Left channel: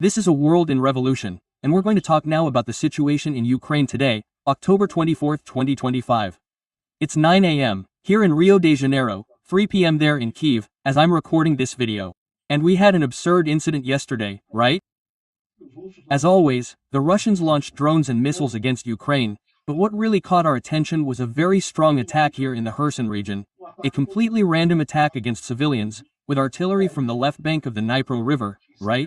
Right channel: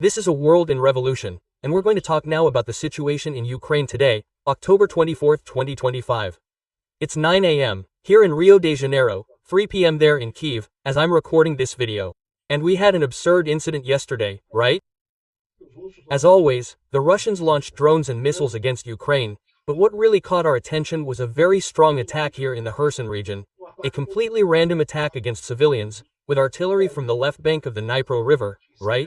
This is a world in revolution, and we're going to talk now about the situation in Ukraine today, October 24, 2025. It's 9 a.m. here in Rio de Janeiro, 3 p.m. there in Kyiv, as I'm recording this video. And we had an absurd incident yesterday, right? As always, the Russians launched drones and missiles against Ukraine, but what really caught our attention was a very strong attack here in the Kherson region, a completely random attack against civilians, with artillery from the left bank of the Dnipro River, right?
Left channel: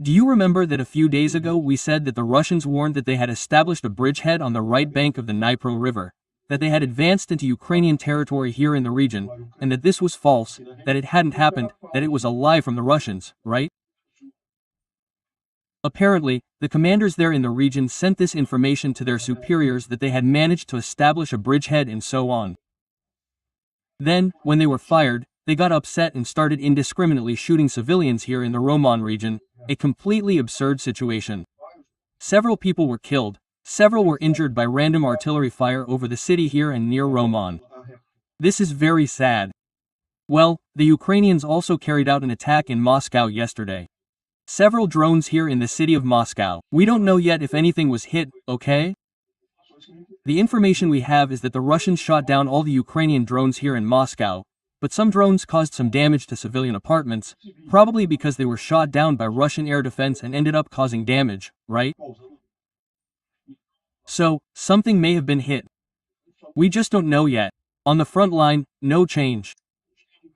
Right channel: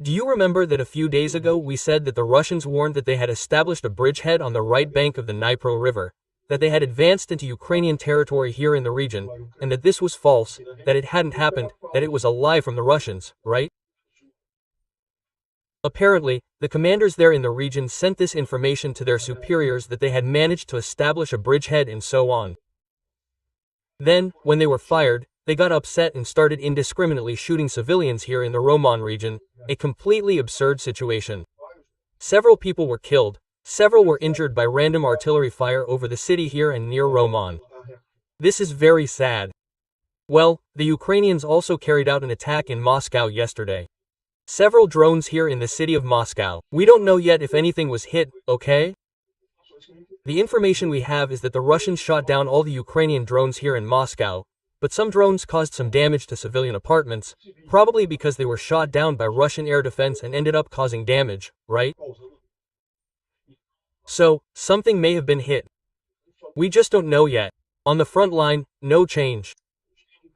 Do you remember that a few days ago we said that the Russians warned that they had established a bridgehead on the right bank of the Dnipro River, that they had advanced into Ukrainian territory here in the region, and that this was false, that it hadn't happened, that it was a lie from the Russians, right? Apparently, the commanders there in the region sent this information to their superiors that they had managed to establish a bridgehead and so on. Then, when they were fired, they got upset and started indiscriminately shooting civilians here in the Roman region, a completely absurd situation. Several people were killed, several were injured by random artillery fire over the city here and near Roman. This is very sad. Well, the Ukrainians also carried out an attack in Moscow yesterday. Several drones here in the city of Moscow. We don't know yet if anything was hit, okay? The information we have is that the Russians shot down all the Ukrainian drones here in Moscow, but some drones caused some damage to civilian apartments, probably because they were shot down by Russian air defense and ended up causing damage, right? So, something may have been hit. We just don't know yet. On the front line, no change.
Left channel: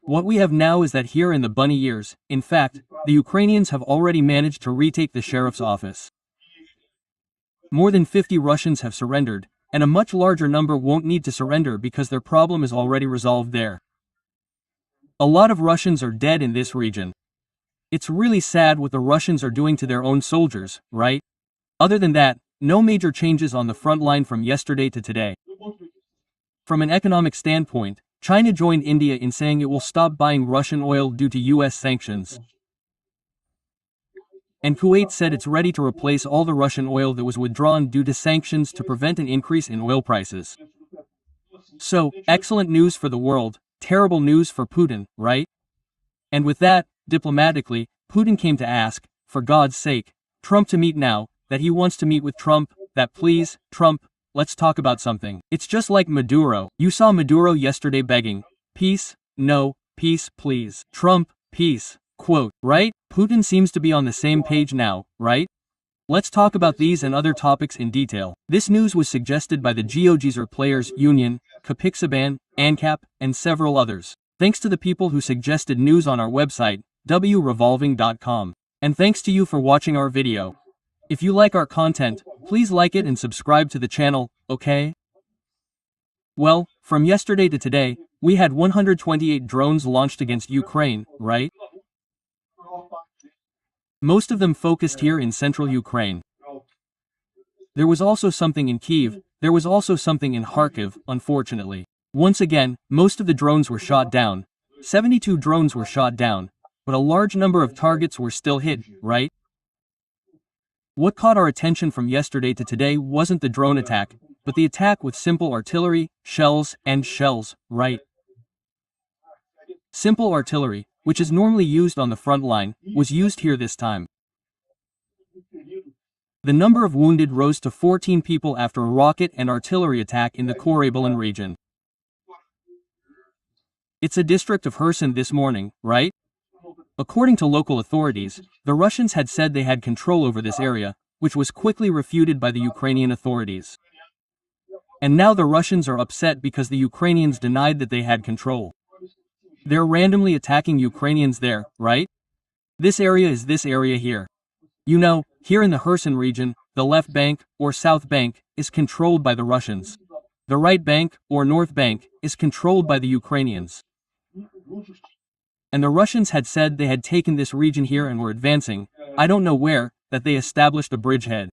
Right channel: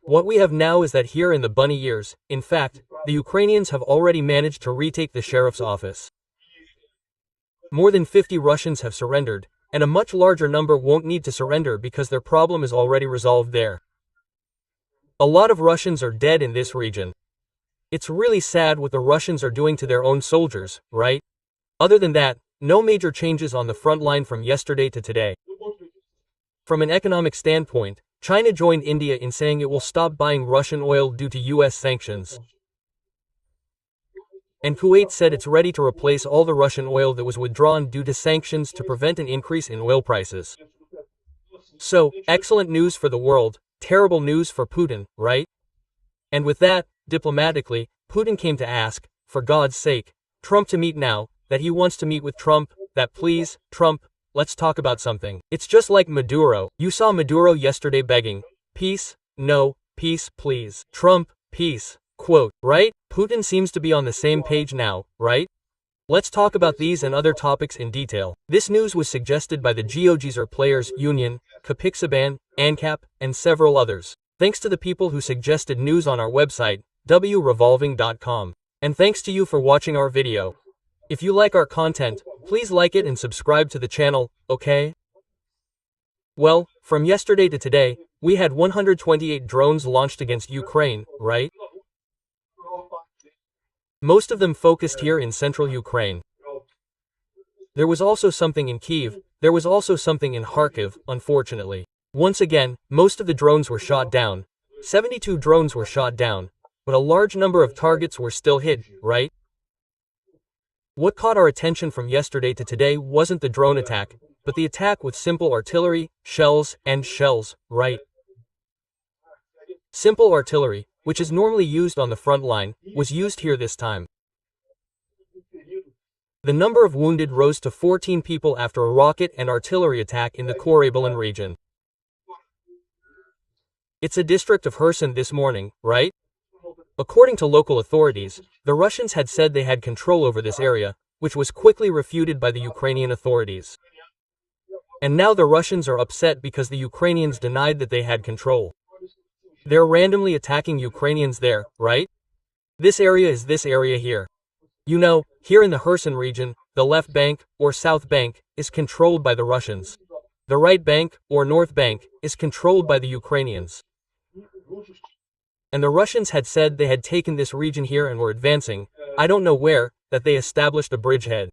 What we have now is that here in the bunny years, in fact, the Ukrainians have already managed to retake the sheriff's office. More than 50 Russians have surrendered, and a much larger number won't need to surrender because their problem is already resolved there. A lot of Russians are dead in this region. It's really sad what the Russians are doing to their own soldiers, right? Other than that, no major changes on the front line from yesterday to today. From an economic standpoint, China joined India in saying it will stop buying Russian oil due to US sanctions. And Kuwait said it's ready to replace all the Russian oil that was withdrawn due to sanctions to prevent an increase in oil prices. So, excellent news for the world, terrible news for Putin, right? And with that, diplomatically, Putin came to ask, for God's sake, Trump to meet now, that he wants to meet with Trump, that please, Trump, let's talk about something. It's just like Maduro. You saw Maduro yesterday begging, peace, no, peace, please. Trump, peace, quote, right? Putin seems to be on the same page now, right? Let's talk about these and other topics in detail. This news was suggested by the GeoGeezer Players Union, Kapixaban, ANCAP, and several others. Thanks to the people who suggested news on our website, wrevolving.com. And thanks to you for watching our video. If you like our content, please like it and subscribe to the channel, okay? Well, from yesterday to today, we had 128 drones launched against Ukraine, right? Most of them focused here in central Ukraine. There was also something in Kyiv, there was also something in Kharkiv, unfortunately. Once again, most of the drones were shot down. 72 drones were shot down, but a large number of targets were still hit, right? What caught our attention from yesterday to today wasn't the drone attack, but the attack with simple artillery, shells, right? Simple artillery, which is normally used on the front line, was used here this time. The number of wounded rose to 14 people after a rocket and artillery attack in the Korabalin region. It's a district of Kherson this morning, right? According to local authorities, the Russians had said they had control over this area, which was quickly refuted by the Ukrainian authorities. And now the Russians are upset because the Ukrainians denied that they had control. They're randomly attacking Ukrainians there, right? This area is this area here. You know, here in the Kherson region, the left bank, or south bank, is controlled by the Russians. The right bank, or north bank, is controlled by the Ukrainians. And the Russians had said they had taken this region here and were advancing, I don't know where, that they established a bridgehead.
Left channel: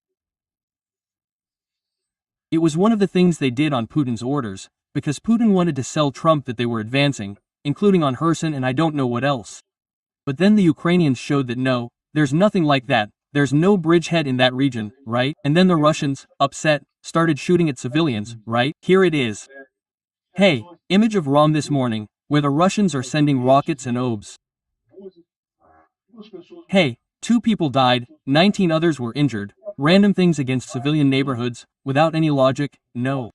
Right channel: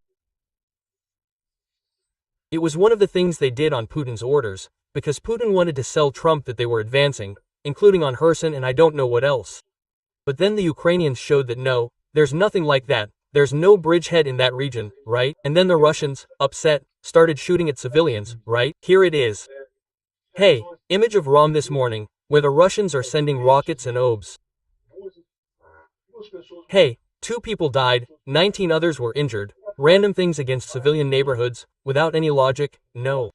It was one of the things they did on Putin's orders, because Putin wanted to sell Trump that they were advancing, including on Kherson and I don't know what else. But then the Ukrainians showed that no, there's nothing like that, there's no bridgehead in that region, right? And then the Russians, upset, started shooting at civilians, right? Here it is. Hey, image of ROM this morning, where the Russians are sending rockets and obes. Hey, 2 people died, 19 others were injured. Random things against civilian neighborhoods, without any logic, no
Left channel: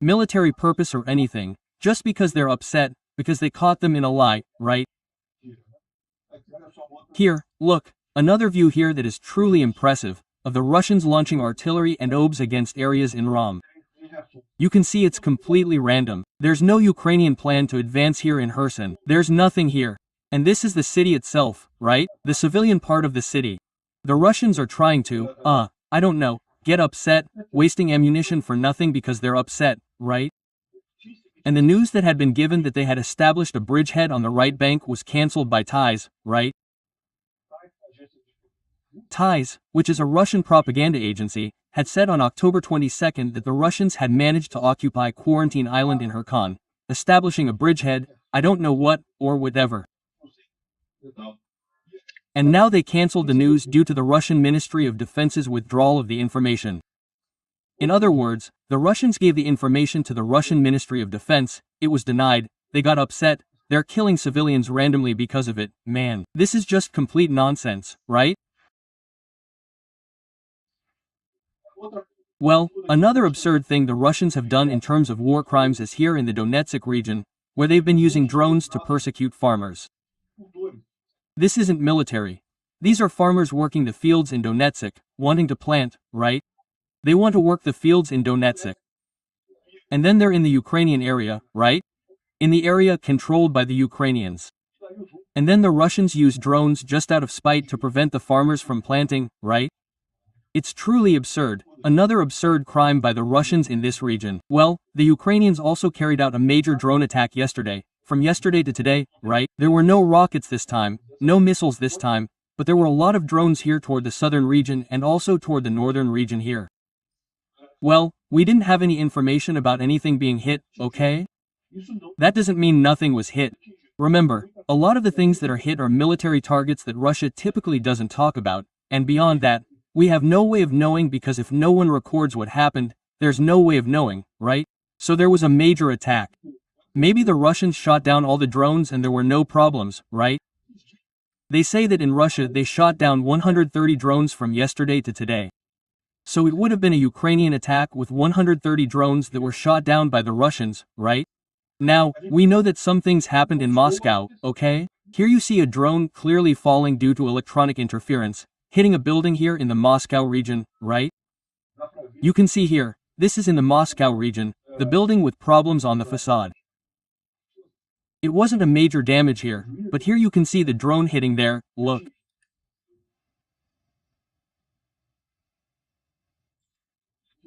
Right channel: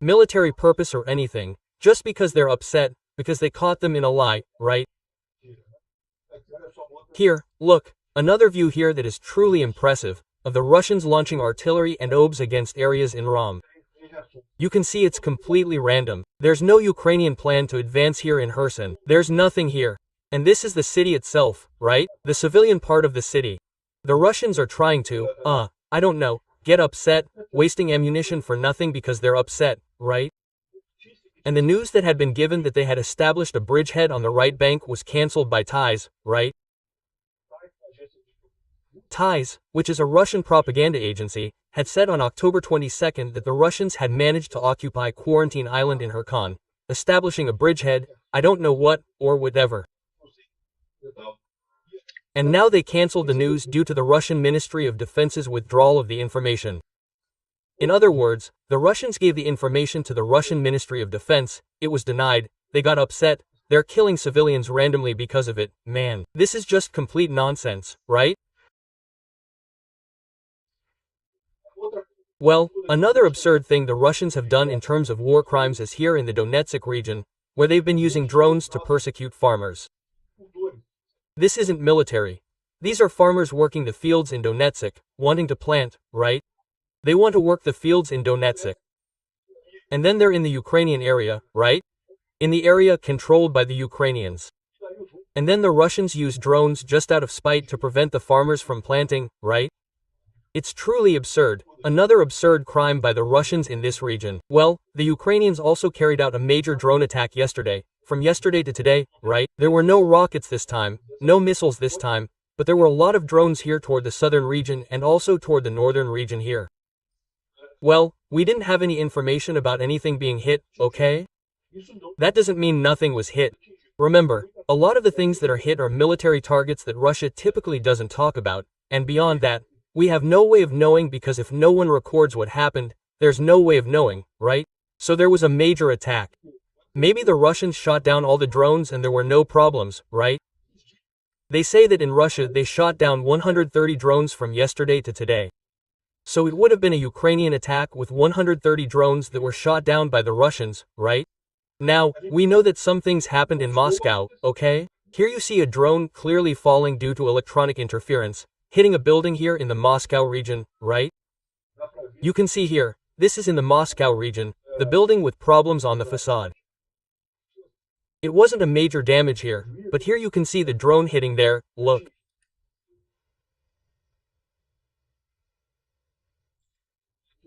military purpose or anything, just because they're upset, because they caught them in a lie, right? Here, look, another view here that is truly impressive, of the Russians launching artillery and obs against areas in Rom. You can see it's completely random. There's no Ukrainian plan to advance here in Kherson. There's nothing here. And this is the city itself, right? The civilian part of the city. The Russians are trying to, I don't know, get upset, wasting ammunition for nothing because they're upset, right? And the news that had been given that they had established a bridgehead on the right bank was cancelled by TRÁZ, right? TRÁZ, which is a Russian propaganda agency, had said on October 22 that the Russians had managed to occupy Quarantine Island in Kherson, establishing a bridgehead, I don't know what, or whatever. And now they cancelled the news due to the Russian Ministry of Defense's withdrawal of the information. In other words, the Russians gave the information to the Russian Ministry of Defense, it was denied, they got upset, they're killing civilians randomly because of it. Man, this is just complete nonsense, right? Well, another absurd thing the Russians have done in terms of war crimes is here in the Donetsk region, where they've been using drones to persecute farmers. This isn't military. These are farmers working the fields in Donetsk, wanting to plant, right? They want to work the fields in Donetsk. And then they're in the Ukrainian area, right? In the area controlled by the Ukrainians. And then the Russians use drones just out of spite to prevent the farmers from planting, right? It's truly absurd. Another absurd crime by the Russians in this region. Well, the Ukrainians also carried out a major drone attack yesterday. From yesterday to today, right? There were no rockets this time, no missiles this time, but there were a lot of drones here toward the southern region and also toward the northern region here. Well, we didn't have any information about anything being hit, okay? That doesn't mean nothing was hit. Remember, a lot of the things that are hit are military targets that Russia typically doesn't talk about, and beyond that, we have no way of knowing because if no one records what happened, there's no way of knowing, right? So there was a major attack. Maybe the Russians shot down all the drones and there were no problems, right? They say that in Russia they shot down 130 drones from yesterday to today. So it would have been a Ukrainian attack with 130 drones that were shot down by the Russians, right? Now, we know that some things happened in Moscow, okay? Here you see a drone clearly falling due to electronic interference, hitting a building here in the Moscow region, right? You can see here, this is in the Moscow region, the building with problems on the facade. It wasn't a major damage here, but here you can see the drone hitting there, look.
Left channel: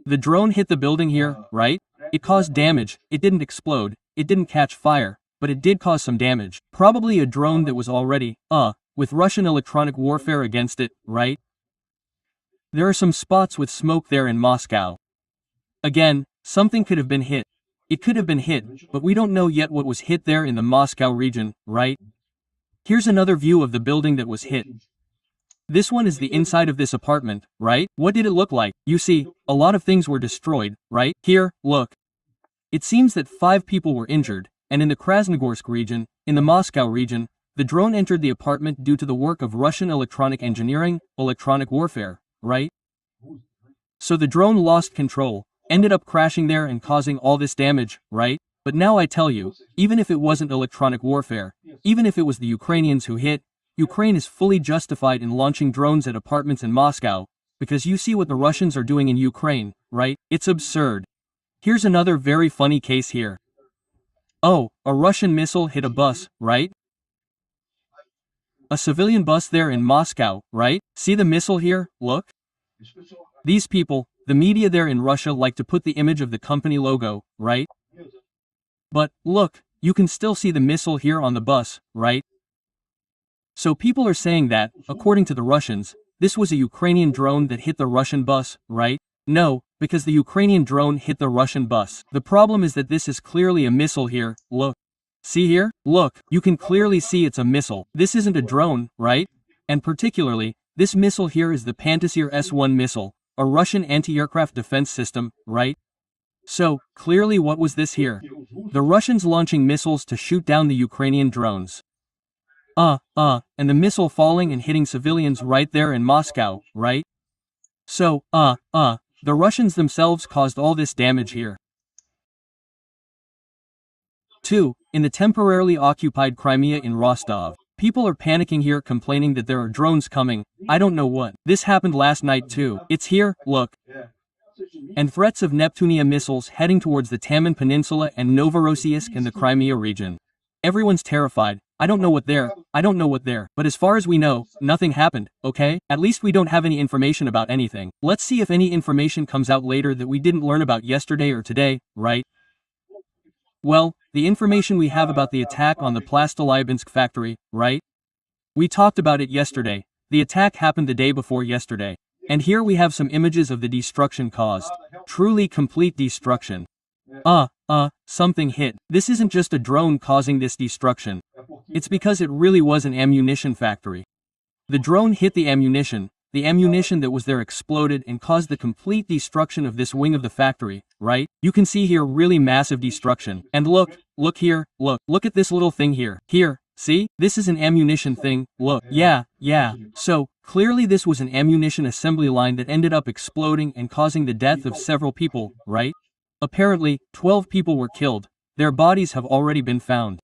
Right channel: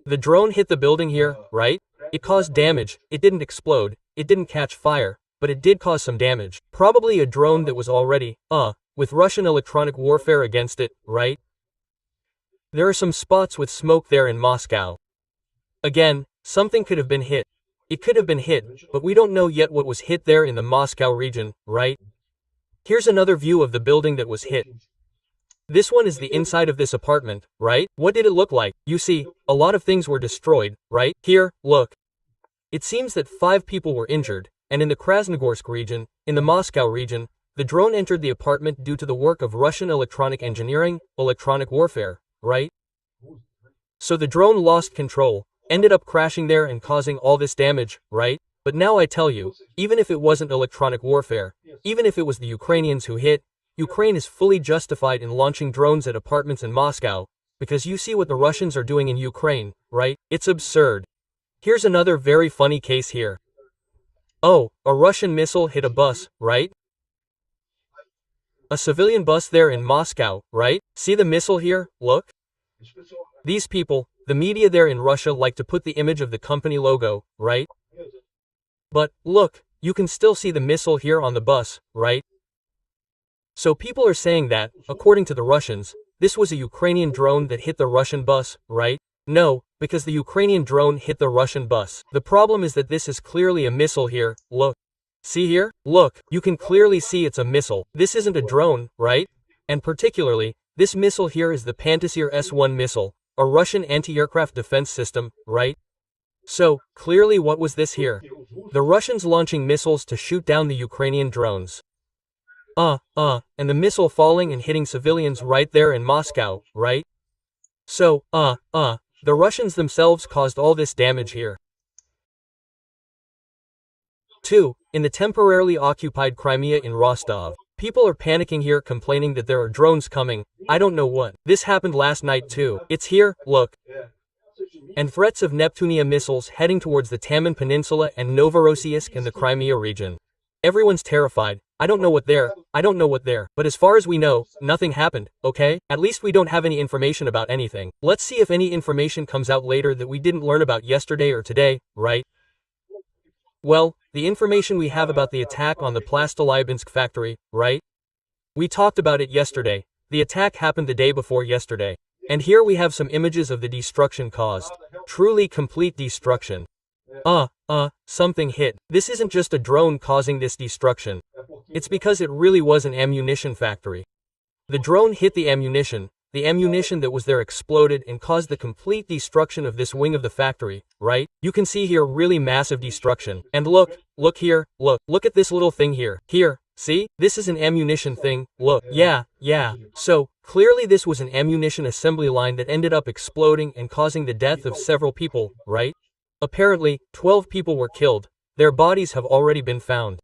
The drone hit the building here, right? It caused damage, it didn't explode, it didn't catch fire, but it did cause some damage. Probably a drone that was already, with Russian electronic warfare against it, right? There are some spots with smoke there in Moscow. Again, something could have been hit. It could have been hit, but we don't know yet what was hit there in the Moscow region, right? Here's another view of the building that was hit. This one is the inside of this apartment, right? What did it look like? You see, a lot of things were destroyed, right? Here, look. It seems that 5 people were injured, and in the Krasnogorsk region, in the Moscow region, the drone entered the apartment due to the work of Russian electronic engineering, electronic warfare, right? So the drone lost control, ended up crashing there and causing all this damage, right? But now I tell you, even if it wasn't electronic warfare, even if it was the Ukrainians who hit, Ukraine is fully justified in launching drones at apartments in Moscow, because you see what the Russians are doing in Ukraine, right? It's absurd. Here's another very funny case here. Oh, a Russian missile hit a bus, right? A civilian bus there in Moscow, right? See the missile here, look? These people, the media there in Russia like to put the image of the company logo, right? But, look, you can still see the missile here on the bus, right? So people are saying that, according to the Russians, this was a Ukrainian drone that hit the Russian bus, right? No, because the Ukrainian drone hit the Russian bus. The problem is that this is clearly a missile here, look. See here? Look, you can clearly see it's a missile. This isn't a drone, right? And particularly, this missile here is the Pantsir S-1 missile, a Russian anti-aircraft defense system, right? So, clearly what was this here? The Russians launching missiles to shoot down the Ukrainian drones. And the missile falling and hitting civilians right there in Moscow, right? So, the Russians themselves caused all this damage here. 2. In the temporarily occupied Crimea in Rostov. People are panicking here, complaining that there are drones coming. I don't know what. This happened last night too. It's here, look. And threats of Neptunia missiles heading towards the Taman Peninsula and Novorossiysk and the Crimea region. Everyone's terrified. I don't know what there. But as far as we know, nothing happened, okay? At least we don't have any information about anything. Let's see if any information comes out later that we didn't learn about yesterday or today, right? Well, the information we have about the attack on the Plastolybinsk factory, right? We talked about it yesterday. The attack happened the day before yesterday. And here we have some images of the destruction caused. Truly complete destruction. Something hit. This isn't just a drone causing this destruction. It's because it really was an ammunition factory. The drone hit the ammunition that was there exploded and caused the complete destruction of this wing of the factory, right? You can see here really massive destruction. And look here, look at this little thing here. Here, see? This is an ammunition thing, look. Yeah. So, clearly this was an ammunition assembly line that ended up exploding and causing the death of several people, right? Apparently, 12 people were killed. Their bodies have already been found.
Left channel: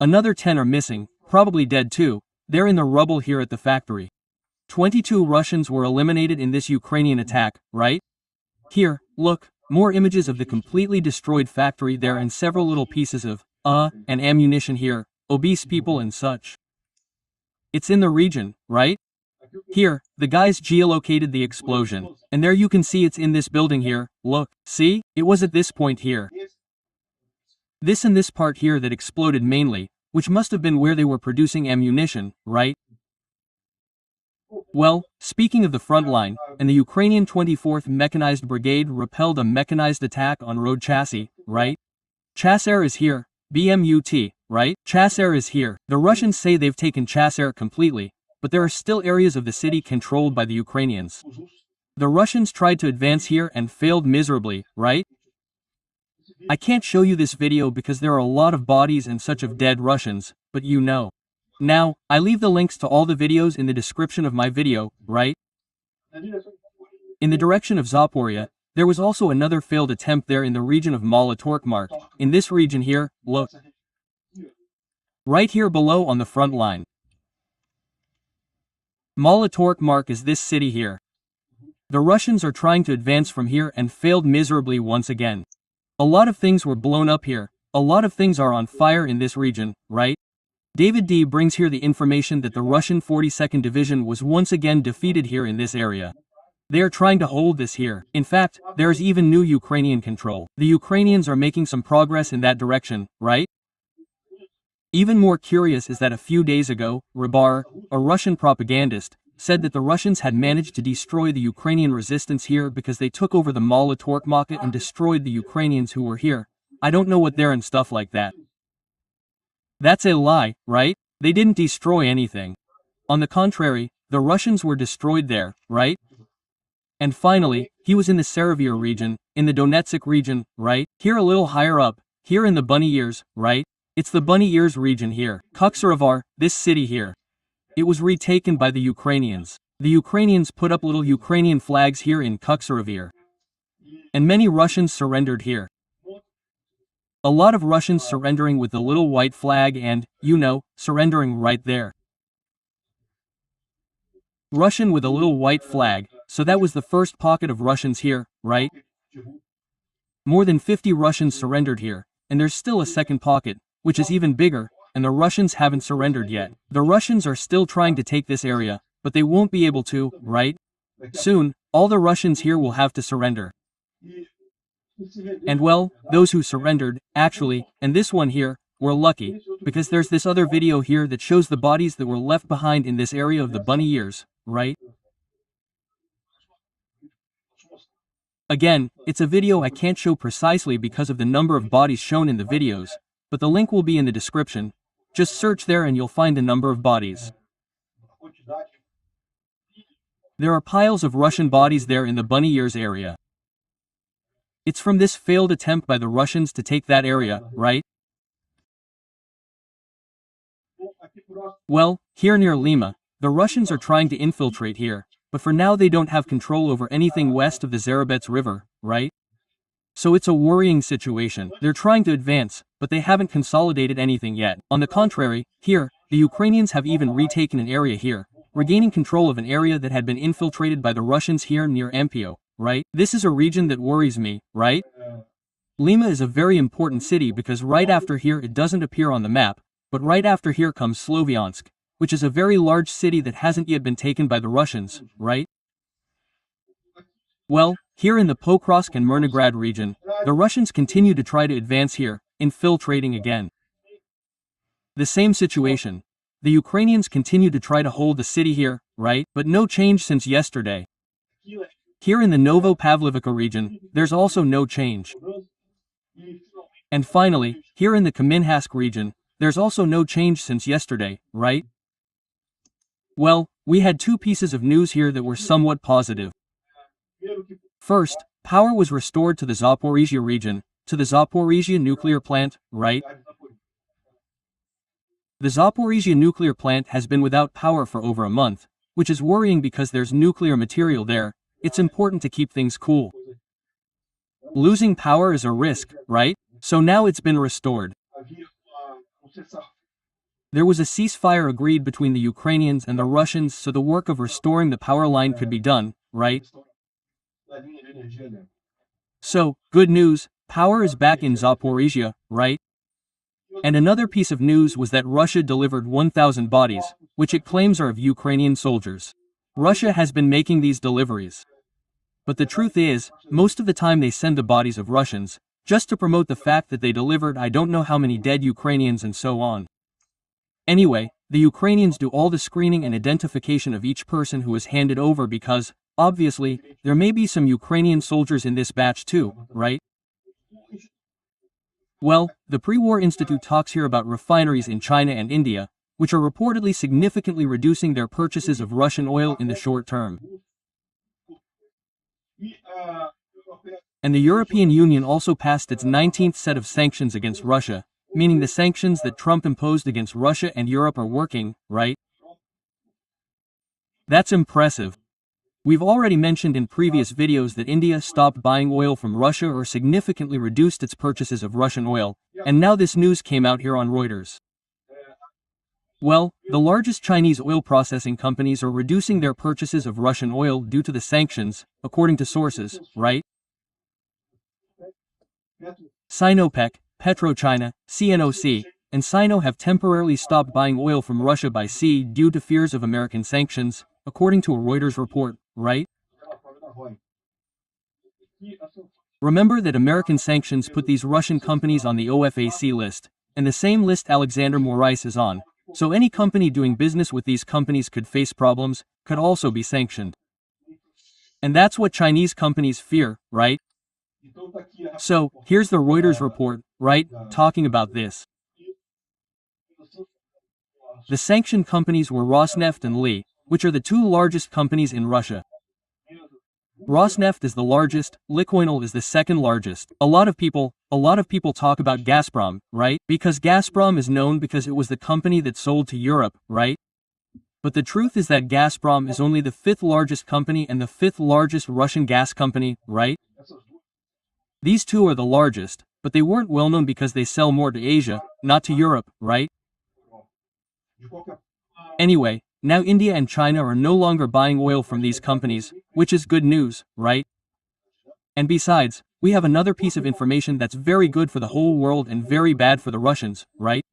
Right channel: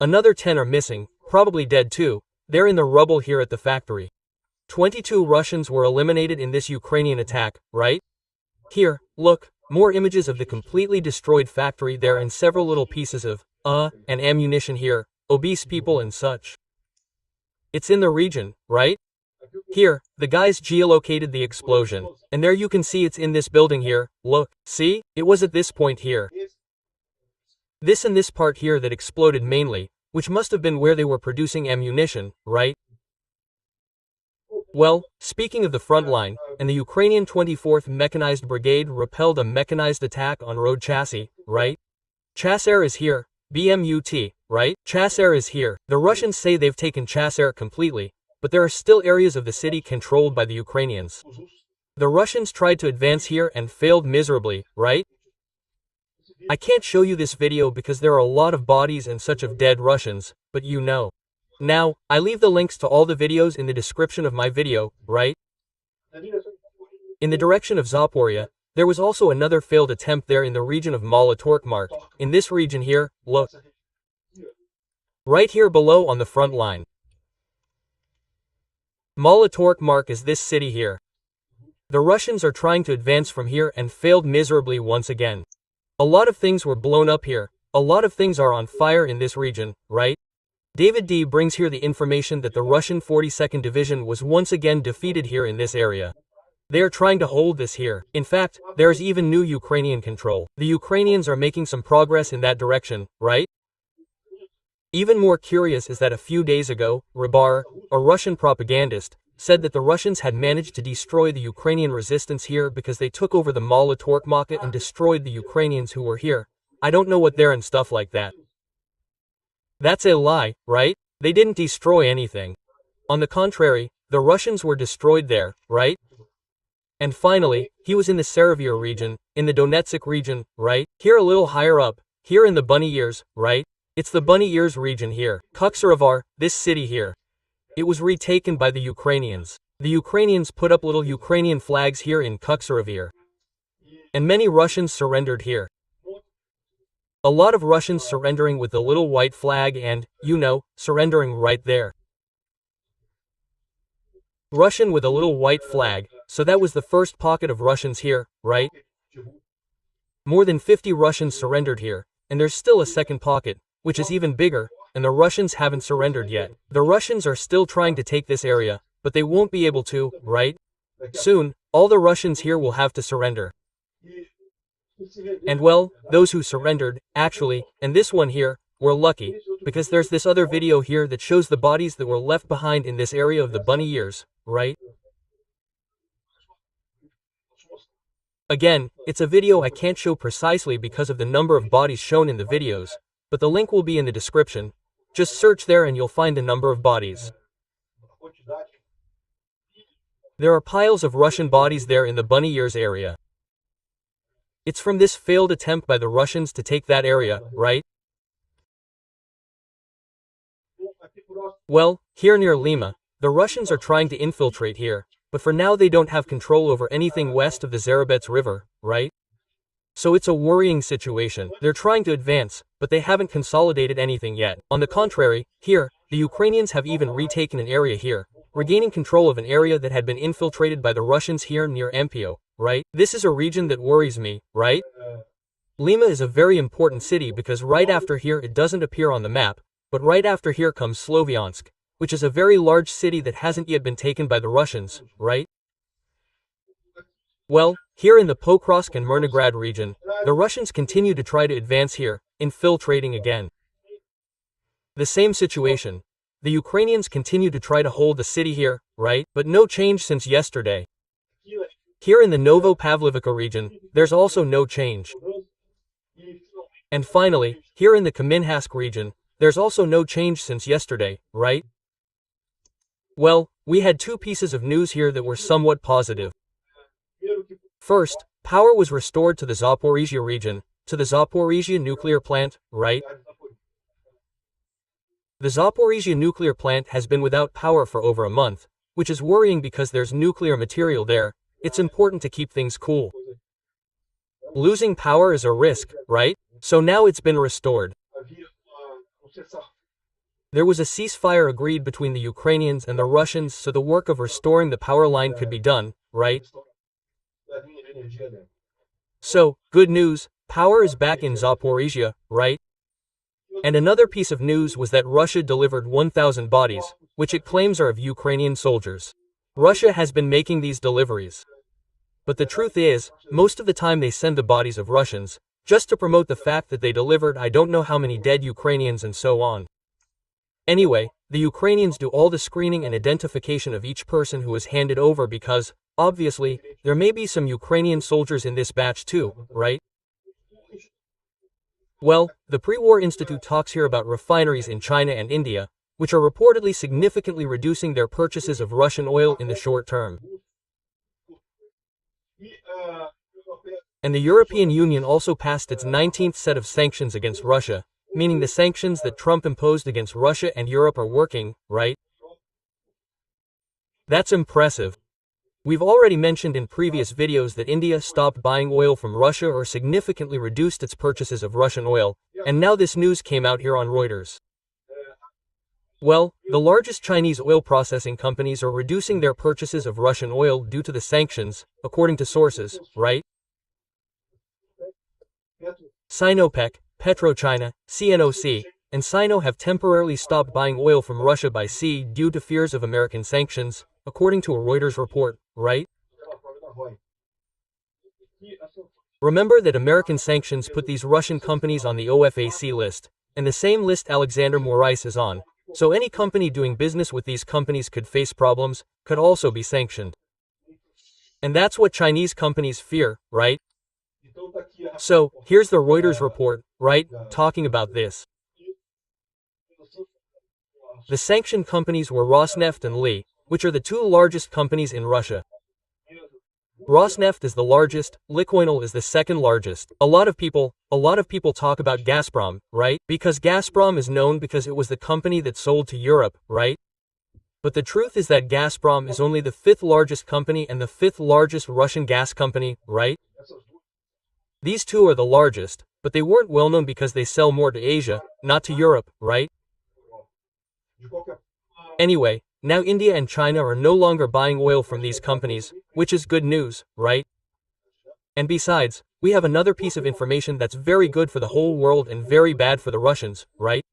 Another 10 are missing, probably dead too. They're in the rubble here at the factory. 22 Russians were eliminated in this Ukrainian attack, right? Here, look, more images of the completely destroyed factory there and several little pieces of, and ammunition here, obese people and such. It's in the region, right? Here, the guys geolocated the explosion. And there you can see it's in this building here, look, see? It was at this point here. This and this part here that exploded mainly, which must have been where they were producing ammunition, right? Well, speaking of the front line, and the Ukrainian 24th Mechanized Brigade repelled a mechanized attack on road chassis, right? Chasair is here, BMUT, right? Chasair is here. The Russians say they've taken Chasair completely, but there are still areas of the city controlled by the Ukrainians. The Russians tried to advance here and failed miserably, right? I can't show you this video because there are a lot of bodies and such of dead Russians, but you know. Now, I leave the links to all the videos in the description of my video, right? In the direction of Zaporia, there was also another failed attempt there in the region of Mala-Torkmark. In this region here, look. Right here below on the front line. Mala-Torkmark is this city here. The Russians are trying to advance from here and failed miserably once again. A lot of things were blown up here. A lot of things are on fire in this region, right? David D brings here the information that the Russian 42nd Division was once again defeated here in this area. They are trying to hold this here. In fact, there is even new Ukrainian control. The Ukrainians are making some progress in that direction, right? Even more curious is that a few days ago, Rybar, a Russian propagandist, said that the Russians had managed to destroy the Ukrainian resistance here because they took over the Mala-Torkmark and destroyed the Ukrainians who were here. I don't know what they're and stuff like that. That's a lie, right? They didn't destroy anything. On the contrary, the Russians were destroyed there, right? And finally, he was in the Seravir region, in the Donetsk region, right? Here a little higher up, here in the Bunny Ears, right? It's the Bunny Ears region here. KUCHERIV, this city here. It was retaken by the Ukrainians. The Ukrainians put up little Ukrainian flags here in KUCHERIV. And many Russians surrendered here. A lot of Russians surrendering with the little white flag and, you know, surrendering right there. Russian with a little white flag, so that was the first pocket of Russians here, right? More than 50 Russians surrendered here, and there's still a second pocket, which is even bigger, and the Russians haven't surrendered yet. The Russians are still trying to take this area, but they won't be able to, right? Soon, all the Russians here will have to surrender. And well, those who surrendered, actually, and this one here, were lucky, because there's this other video here that shows the bodies that were left behind in this area of the Bunny Ears, right? Again, it's a video I can't show precisely because of the number of bodies shown in the videos, but the link will be in the description. Just search there and you'll find a number of bodies. There are piles of Russian bodies there in the Bunny Ears area. It's from this failed attempt by the Russians to take that area, right? Well, here near Lima, the Russians are trying to infiltrate here, but for now they don't have control over anything west of the Zarabets River, right? So it's a worrying situation. They're trying to advance, but they haven't consolidated anything yet. On the contrary, here, the Ukrainians have even retaken an area here, regaining control of an area that had been infiltrated by the Russians here near Empio, right? This is a region that worries me, right? Lima is a very important city because right after here it doesn't appear on the map, but right after here comes Sloviansk, which is a very large city that hasn't yet been taken by the Russians, right? Well, here in the Pokrovsk and Myrnograd region, the Russians continue to try to advance here, infiltrating again. The same situation. The Ukrainians continue to try to hold the city here, right? But no change since yesterday. Here in the Novo-Pavlovka region, there's also no change. And finally, here in the Kamenhask region, there's also no change since yesterday, right? Well, we had two pieces of news here that were somewhat positive. First, power was restored to the Zaporizhia region, to the Zaporizhia nuclear plant, right? The Zaporizhia nuclear plant has been without power for over a month, which is worrying because there's nuclear material there. It's important to keep things cool. Losing power is a risk, right? So now it's been restored. There was a ceasefire agreed between the Ukrainians and the Russians so the work of restoring the power line could be done, right? So, good news, power is back in Zaporizhia, right? And another piece of news was that Russia delivered 1,000 bodies, which it claims are of Ukrainian soldiers. Russia has been making these deliveries. But the truth is, most of the time they send the bodies of Russians, just to promote the fact that they delivered I don't know how many dead Ukrainians and so on. Anyway, the Ukrainians do all the screening and identification of each person who is handed over because, obviously, there may be some Ukrainian soldiers in this batch too, right? Well, the Pre-War Institute talks here about refineries in China and India, which are reportedly significantly reducing their purchases of Russian oil in the short term. And the European Union also passed its 19th set of sanctions against Russia, meaning the sanctions that Trump imposed against Russia and Europe are working, right? That's impressive. We've already mentioned in previous videos that India stopped buying oil from Russia or significantly reduced its purchases of Russian oil, and now this news came out here on Reuters. Well, the largest Chinese oil processing companies are reducing their purchases of Russian oil due to the sanctions, according to sources, right? Sinopec, PetroChina, CNOC, and Sino have temporarily stopped buying oil from Russia by sea due to fears of American sanctions, according to a Reuters report, right? Remember that American sanctions put these Russian companies on the OFAC list, and the same list Alexander Morais is on, so any company doing business with these companies could face problems, could also be sanctioned. And that's what Chinese companies fear, right? So, here's the Reuters report, right, talking about this. The sanctioned companies were Rosneft and Li, which are the two largest companies in Russia. Rosneft is the largest, Lukoil is the second largest. A lot of people talk about Gazprom, right? Because Gazprom is known because it was the company that sold to Europe, right? But the truth is that Gazprom is only the 5th largest company and the 5th largest Russian gas company, right? These two are the largest, but they weren't well known because they sell more to Asia, not to Europe, right? Anyway, now India and China are no longer buying oil from these companies, which is good news, right? And besides, we have another piece of information that's very good for the whole world and very bad for the Russians, right?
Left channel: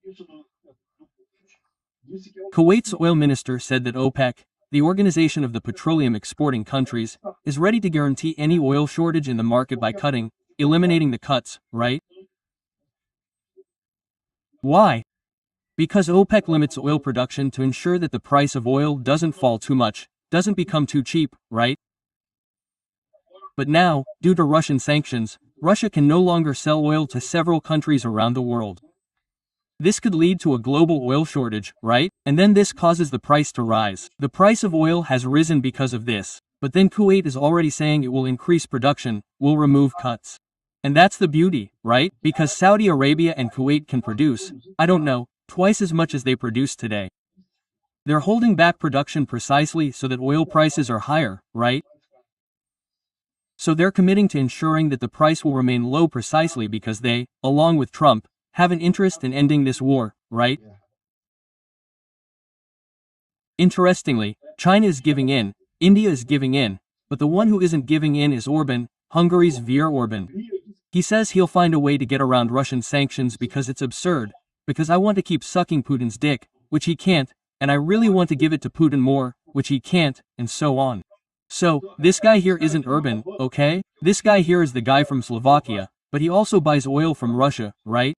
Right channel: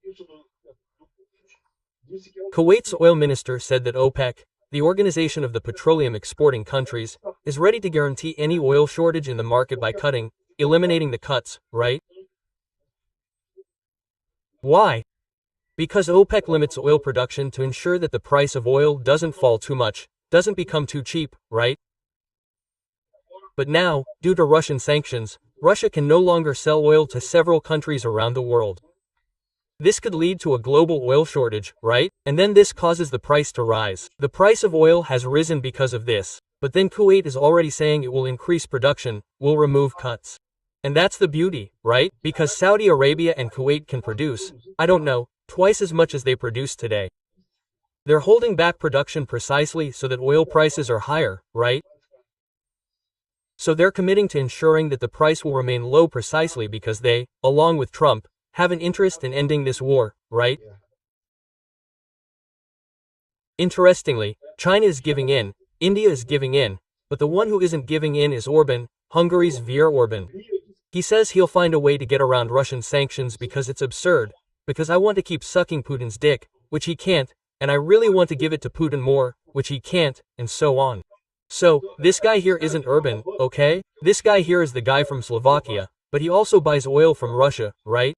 Kuwait's oil minister said that OPEC, the Organization of the Petroleum Exporting Countries, is ready to guarantee any oil shortage in the market by eliminating the cuts, right? Why? Because OPEC limits oil production to ensure that the price of oil doesn't fall too much, doesn't become too cheap, right? But now, due to Russian sanctions, Russia can no longer sell oil to several countries around the world. This could lead to a global oil shortage, right? And then this causes the price to rise. The price of oil has risen because of this. But then Kuwait is already saying it will increase production, will remove cuts. And that's the beauty, right? Because Saudi Arabia and Kuwait can produce, I don't know, twice as much as they produce today. They're holding back production precisely so that oil prices are higher, right? So they're committing to ensuring that the price will remain low precisely because they, along with Trump, have an interest in ending this war, right? Interestingly, China is giving in, India is giving in, but the one who isn't giving in is Orban, Hungary's Viktor Orban. He says he'll find a way to get around Russian sanctions because it's absurd, because I want to keep sucking Putin's dick, which he can't, and I really want to give it to Putin more, which he can't, and so on. So, this guy here isn't Orban, okay? This guy here is the guy from Slovakia, but he also buys oil from Russia, right?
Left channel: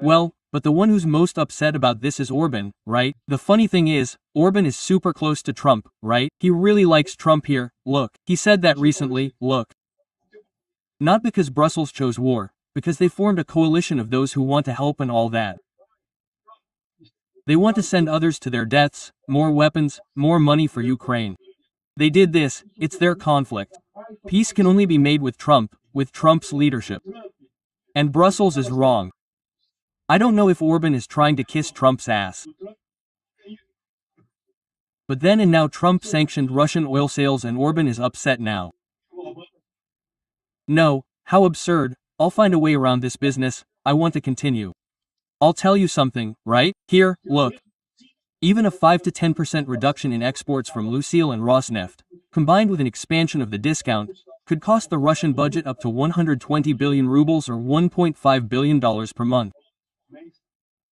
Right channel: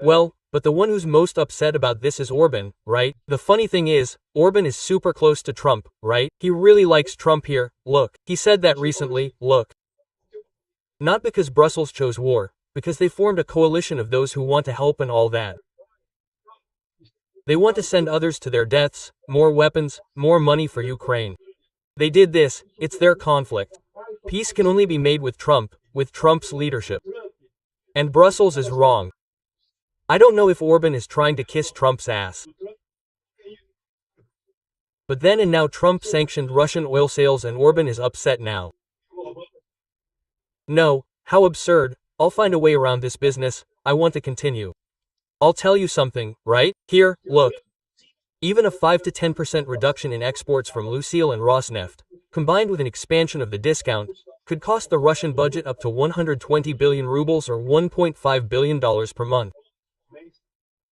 Well, but the one who's most upset about this is Orban, right? The funny thing is, Orban is super close to Trump, right? He really likes Trump here, look. He said that recently, look. Not because Brussels chose war, because they formed a coalition of those who want to help and all that. They want to send others to their deaths, more weapons, more money for Ukraine. They did this, it's their conflict. Peace can only be made with Trump's leadership. And Brussels is wrong. I don't know if Orban is trying to kiss Trump's ass. But then and now Trump sanctioned Russian oil sales and Orban is upset now. No, how absurd, I'll find a way around this business, I want to continue. I'll tell you something, right? Here, look. Even a 5 to 10% reduction in exports from Lucille and Rosneft, combined with an expansion of the discount, could cost the Russian budget up to 120 billion rubles or $1.5 billion per month.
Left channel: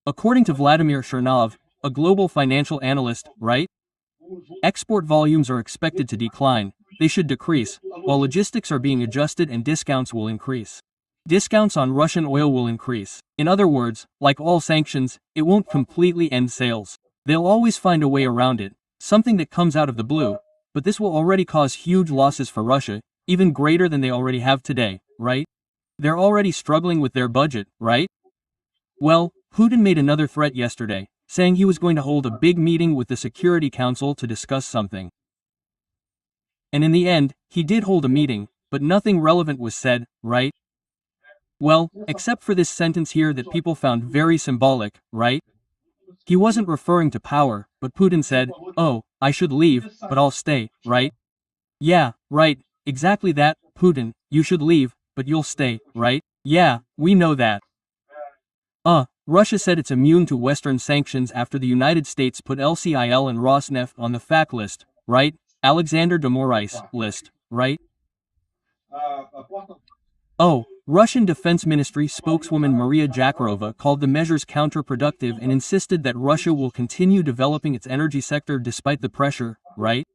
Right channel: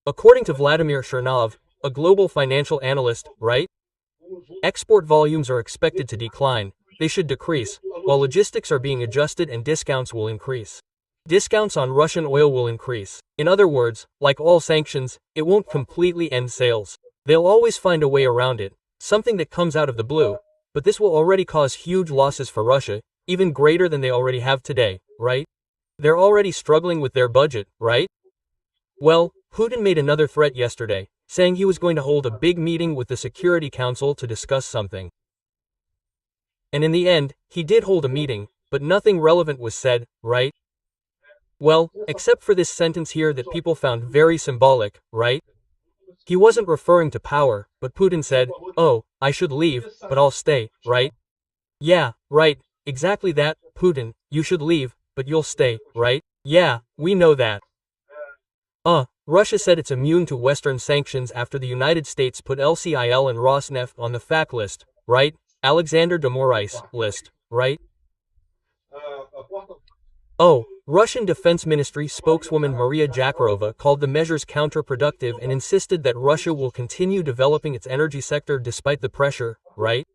According to Vladimir Chernov, a global financial analyst, right? Export volumes are expected to decline, they should decrease, while logistics are being adjusted and discounts will increase. Discounts on Russian oil will increase. In other words, like all sanctions, it won't completely end sales. They'll always find a way around it, something that comes out of the blue, but this will already cause huge losses for Russia, even greater than they already have today, right? They're already struggling with their budget, right? Well, Putin made another threat yesterday, saying he was going to hold a big meeting with the Security Council to discuss something. And in the end, he did hold a meeting, but nothing relevant was said, right? Well, except for this sentence here that people found very symbolic, right? He wasn't referring to power, but Putin said, "Oh, I should leave, but I'll stay, right?" Yeah, right, exactly that, Putin, you should leave, but you'll stay, right? Yeah, we know that. Russia said it's immune to Western sanctions after the United States put LCIL and Rosneft on the FAQ list, right? Alexander de Moraes list, right? Russian Defense Ministry spokeswoman Maria Zakharova called the measures counterproductive and insisted that Russia will continue developing its energy sector despite the pressure, right?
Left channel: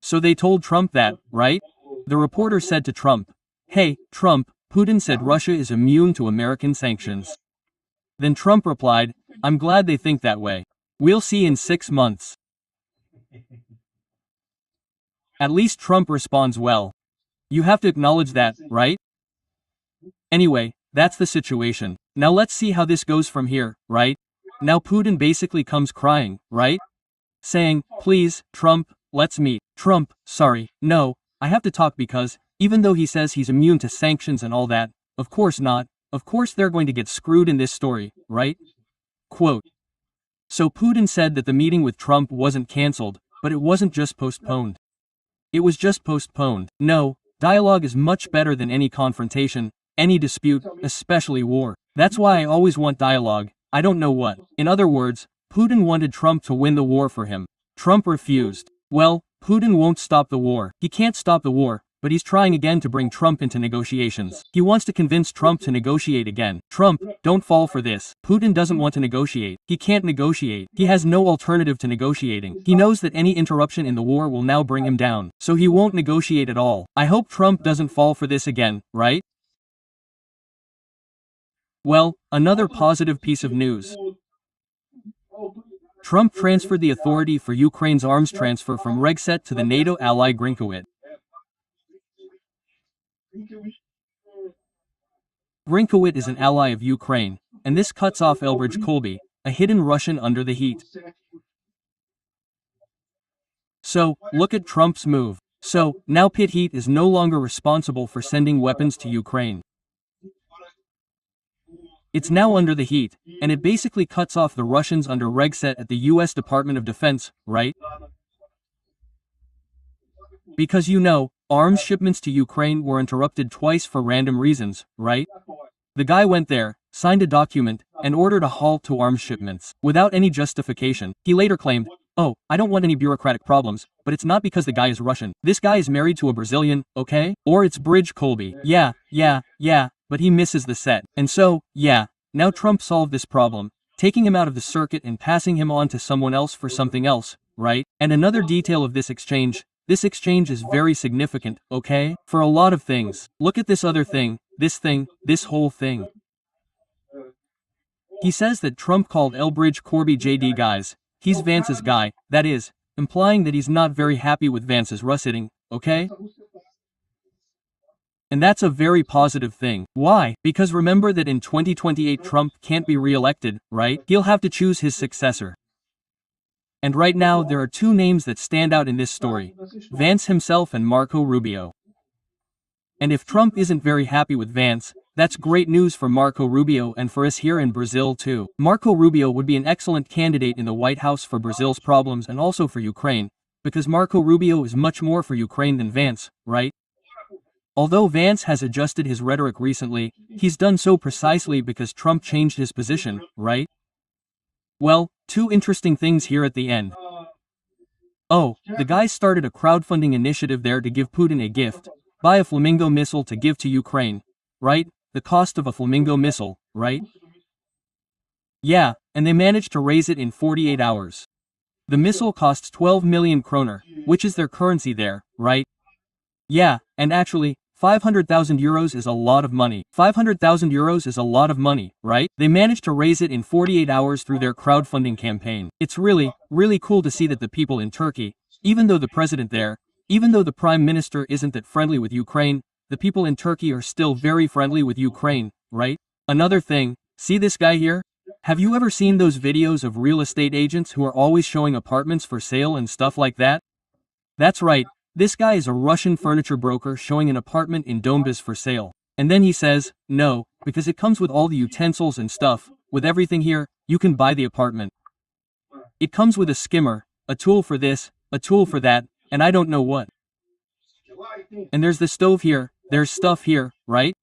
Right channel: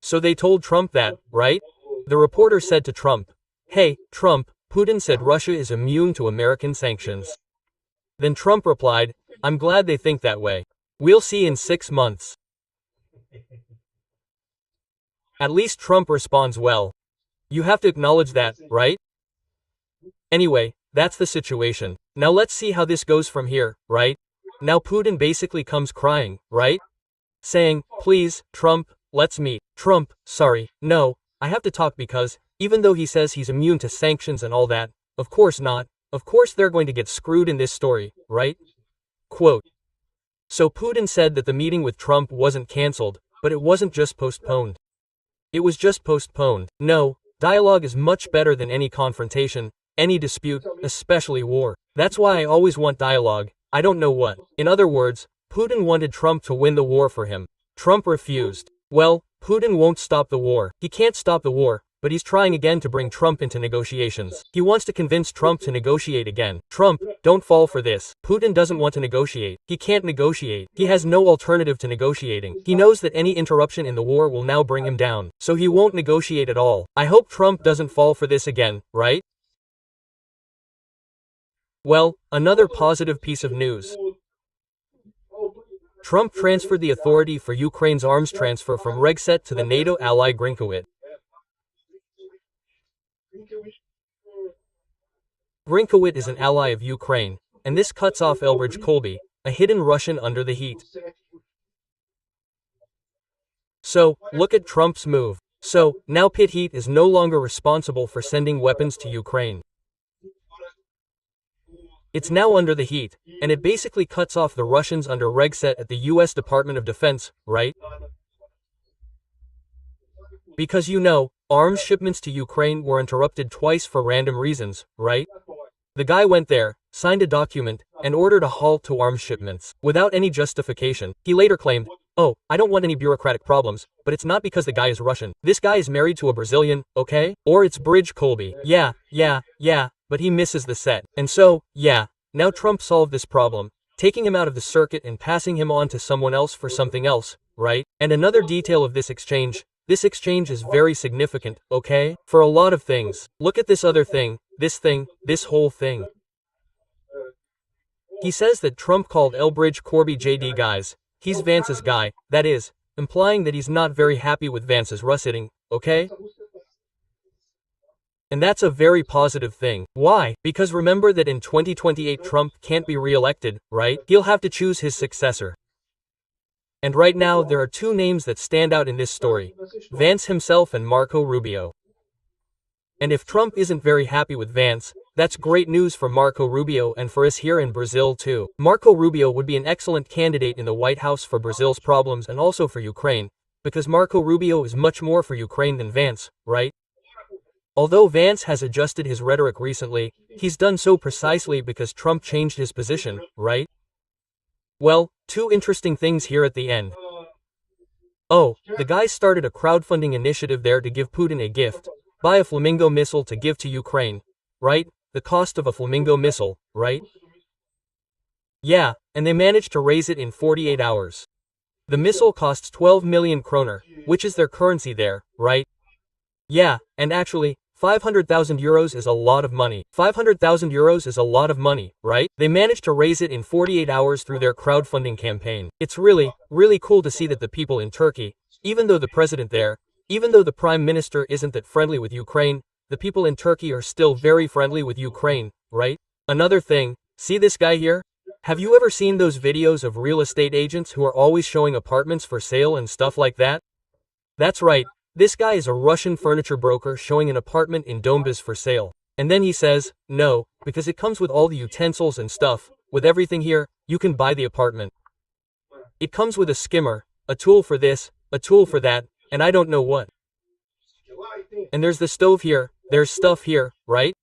So they told Trump that, right? The reporter said to Trump, "Hey, Trump, Putin said Russia is immune to American sanctions." Then Trump replied, "I'm glad they think that way. We'll see in 6 months." At least Trump responds well. You have to acknowledge that, right? Anyway, that's the situation. Now let's see how this goes from here, right? Now Putin basically comes crying, right? Saying, "Please, Trump, let's meet." Trump, sorry, no, I have to talk because, even though he says he's immune to sanctions and all that, of course not, of course they're going to get screwed in this story, right? Quote. So Putin said that the meeting with Trump wasn't cancelled, but it wasn't just postponed. It was just postponed. No, dialogue is much better than any confrontation, any dispute, especially war. That's why I always want dialogue, I don't know what. In other words, Putin wanted Trump to win the war for him. Trump refused. Well, Putin won't stop the war. He can't stop the war, but he's trying again to bring Trump into negotiations. He wants to convince Trump to negotiate again. Trump, don't fall for this. Putin doesn't want to negotiate. He can't negotiate. He has no alternative to negotiating. He knows that any interruption in the war will now bring him down. So he won't negotiate at all. I hope Trump doesn't fall for this again, right? Well, another positive piece of news. Trump transferred the authority for Ukraine's arms transfer from Regset to the NATO ally Grinkowitt. Grinkowitt is an ally of Ukraine, and this cuts off Elbridge Colby, a hidden Russian under the heat. So, look at Trump's move. So, now pit heat is no longer responsible for sending weapons to Ukraine. It's now under the heat, and it basically cuts off the Russians under Regset at the US Department of Defense, right? Because arms shipments to Ukraine were interrupted twice for random reasons, right? The guy went there, signed a document, and ordered a halt to arms shipments, without any justification. He later claimed, "Oh, I don't want any bureaucratic problems, but it's not because the guy is Russian. This guy is married to a Brazilian, okay? Or it's Bridge Colby. Yeah, but he misses the set." And so, now Trump solved this problem, taking him out of the circuit and passing him on to someone else for something else, right? And another detail of this exchange is very significant, okay? For a lot of things. Look at this other thing, this whole thing. He says that Trump called Elbridge Corby JD guys. He's Vance's guy, that is, implying that he's not very happy with Vance's Russitting, okay? And that's a very positive thing. Why? Because remember that in 2028 Trump can't be re-elected, right? He'll have to choose his successor. And right now there are two names that stand out in this story, Vance himself and Marco Rubio. And if Trump isn't very happy with Vance, that's great news for Marco Rubio and for us here in Brazil too. Marco Rubio would be an excellent candidate in the White House for Brazil's problems and also for Ukraine, because Marco Rubio is much more for Ukraine than Vance, right? Although Vance has adjusted his rhetoric recently, he's done so precisely because Trump changed his position, right? Well, two interesting things here at the end. Oh, the guy started a crowdfunding initiative there to give Putin a gift, buy a Flamingo missile to give to Ukraine, right? The cost of a Flamingo missile, right? Yeah, and they managed to raise it in 48 hours. The missile costs 12 million kroner, which is their currency there, right? Yeah, and actually, 500,000 euros is a lot of money. 500,000 euros is a lot of money, right? They managed to raise it in 48 hours through their crowdfunding campaign. It's really cool to see that the people in Turkey, even though the president there, even though the prime minister isn't that friendly with Ukraine, the people in Turkey are still very friendly with Ukraine, right? Another thing, see this guy here? Have you ever seen those videos of real estate agents who are always showing apartments for sale and stuff like that? That's right. This guy is a Russian furniture broker showing an apartment in Donbas for sale. And then he says, no, because it comes with all the utensils and stuff, with everything here, you can buy the apartment. It comes with a skimmer, a tool for this, a tool for that, and I don't know what. And there's the stove here, there's stuff here, right?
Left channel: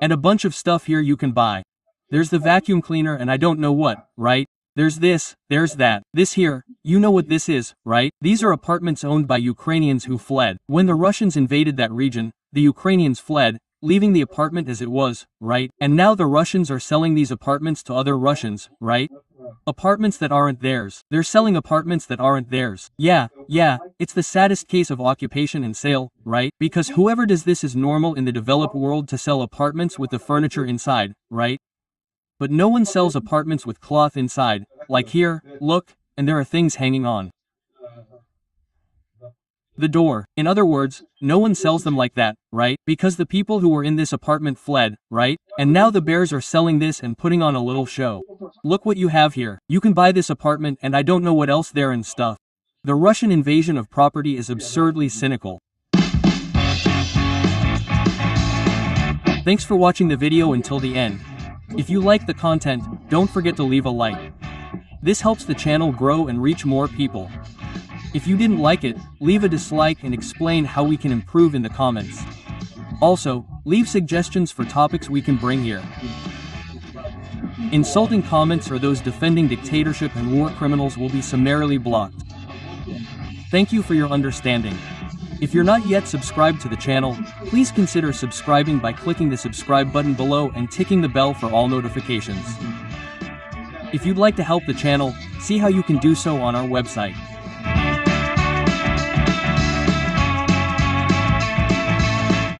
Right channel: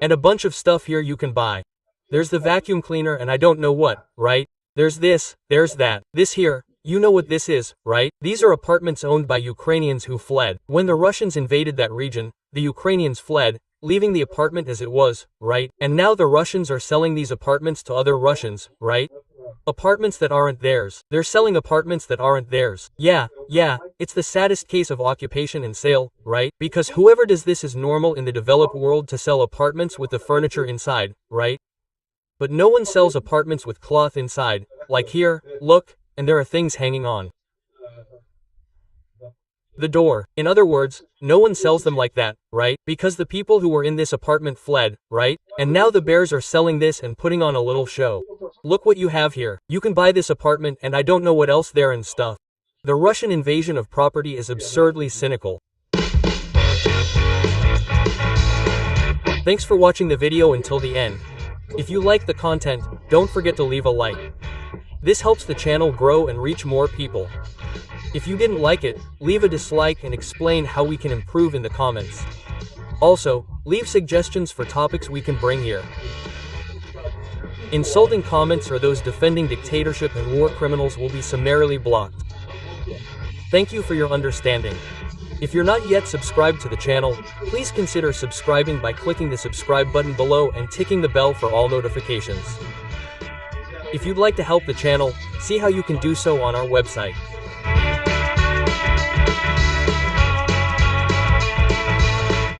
And a bunch of stuff here you can buy. There's the vacuum cleaner and I don't know what, right? There's this, there's that. This here, you know what this is, right? These are apartments owned by Ukrainians who fled. When the Russians invaded that region, the Ukrainians fled, leaving the apartment as it was, right? And now the Russians are selling these apartments to other Russians, right? Apartments that aren't theirs. They're selling apartments that aren't theirs. Yeah, it's the saddest case of occupation and sale, right? Because whoever does this is normal in the developed world to sell apartments with the furniture inside, right? But no one sells apartments with cloth inside, like here, look, and there are things hanging on the door. In other words, no one sells them like that, right? Because the people who were in this apartment fled, right? And now the bears are selling this and putting on a little show. Look what you have here. You can buy this apartment and I don't know what else there and stuff. The Russian invasion of property is absurdly cynical. Thanks for watching the video until the end. If you like the content, don't forget to leave a like. This helps the channel grow and reach more people. If you didn't like it, leave a dislike and explain how we can improve in the comments. Also, leave suggestions for topics we can bring here. Insulting comments or those defending dictatorship and war criminals will be summarily blocked. Thank you for your understanding. If you're not yet subscribed to the channel, please consider subscribing by clicking the subscribe button below and ticking the bell for all notifications. If you'd like to help the channel, see how you can do so on our website.